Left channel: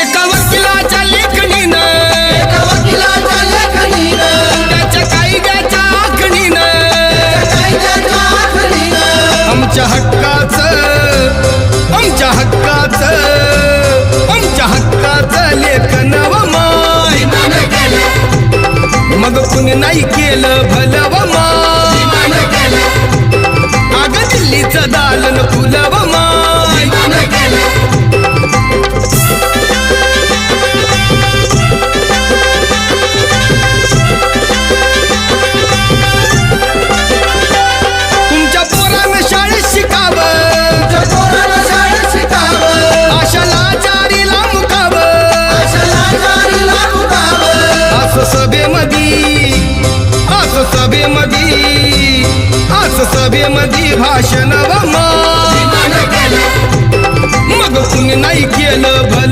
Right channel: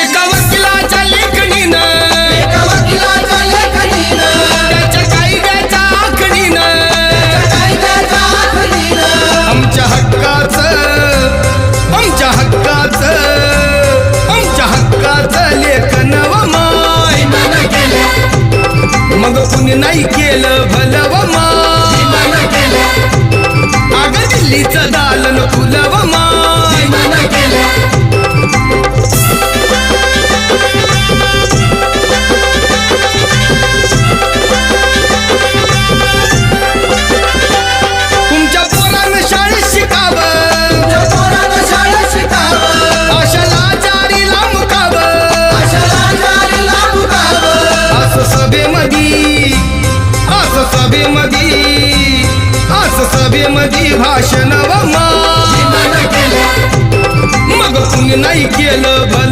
एका वकिलाच्या लेखणीनं त्याच्या कायद्याच्या आखणीनं आमच्या हक्काचं लेखन व माय मग कुणी नाही केलं भलं व माय अग दिल्लीचं दालन फुलं व माय तुमच्या पोरानं शाळेत शिकावं आशाला जारीला मुकावं असं सभेमधी भाषण व माय मग कुणी नाही केलं भलं